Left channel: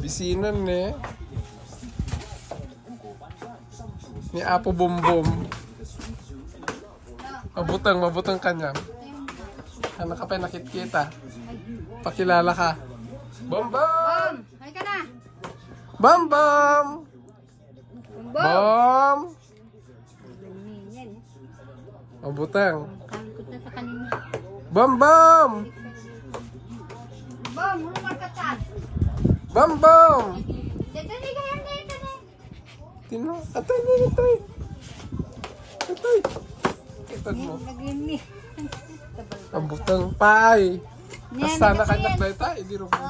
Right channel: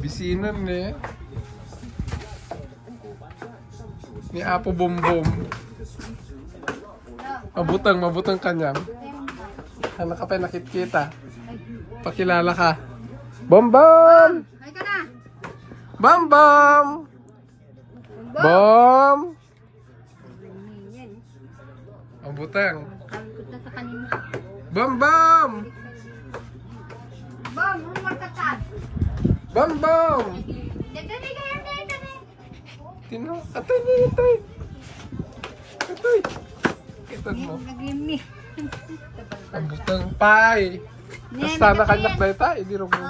Bisinan ni Apo Bumbum. Mabutang kanyam. Ano ka pa nakikita? Pakilala ka. Bombom! Hay ka na! Bombom! Bom! Mabutang. Kalipot na sa kanina. Bombom! Bom, ano magkatas? Bombom! Dali ka yan, dali. Tino, atoy. Kitad mo. Mabutang pay. Sana kanyak na ita, hindi rin mo.